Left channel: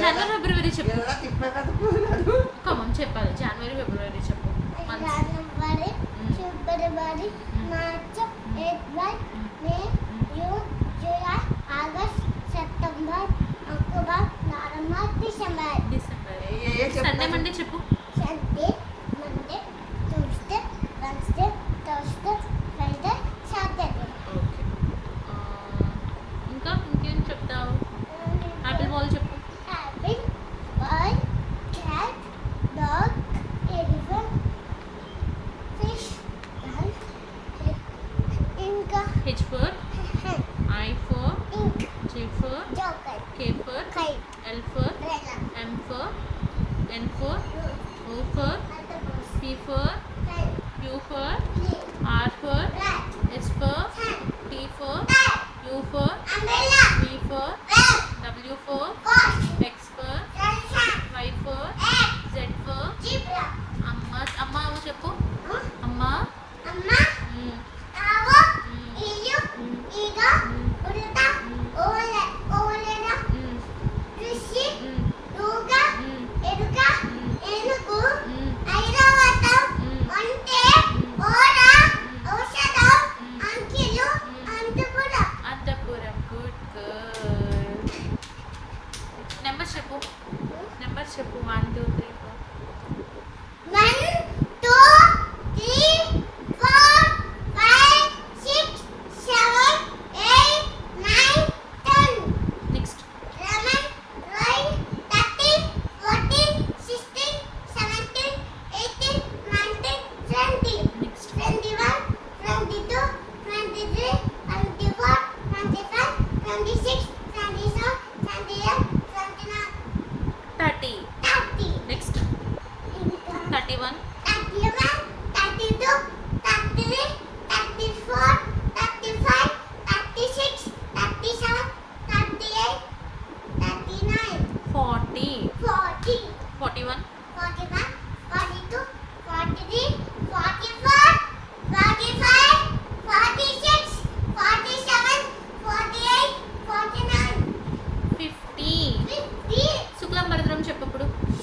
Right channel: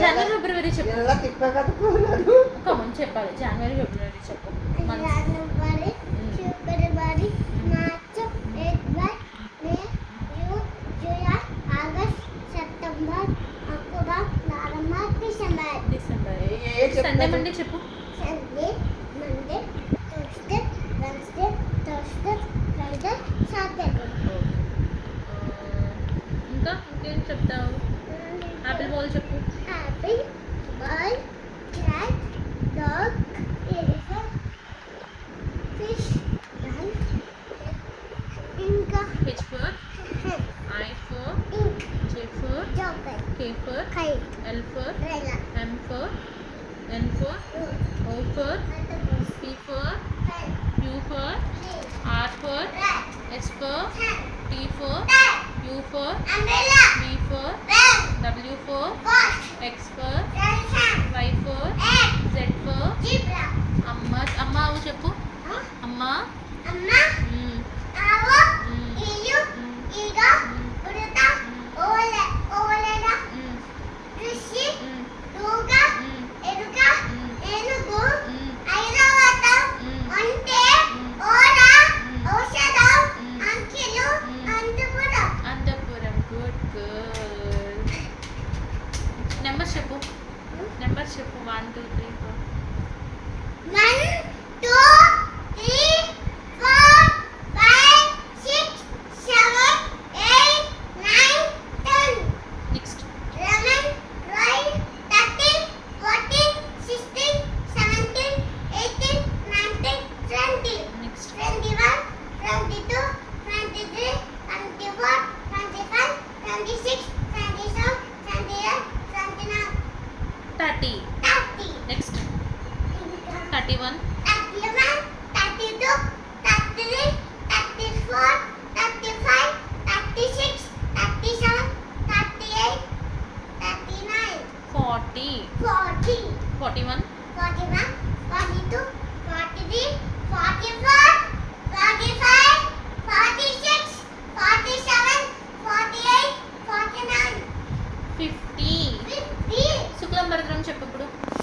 జనవరి February చెప్పు. కమం చెప్పాలి. January February చెప్పు. January February March April May June July August September October November December. Sunday Monday చెప్పు. Sunday Monday Tuesday Wednesday Thursday Friday Saturday. ఇంకా ఇంకేం చెప్తావు? Apple ball చెప్పు. Apple ball cat dog elephant fish ఇంకా H for I for J for joker K for kite L for rela M for N for O for octopus P for pen Q for snake R for rat S for sun T for bat U for umbrella V for pen W for fox X for sun Y for egg Z for zebra అమ్మ అవు చెప్పు. అమ్మ amma awo ilu iga uruta oleda rishi ruga eruga enugu ఐరావతం అంటే ఓరా ఔషధం అంకిలు అంతపురం. Good girl. Numbers చెప్పు. 1 2 3 4. 1 2 3 4 5 6 7 8 9 10 నెక్స్ట్ 11 12 13 14 16 17 18 19 20 నెక్స్ట్ 21 22 23 24 25 26 27 28 29 30. 30 నెక్స్ట్ 31 31 32 33 34 35 36 37 38 39 40 40 41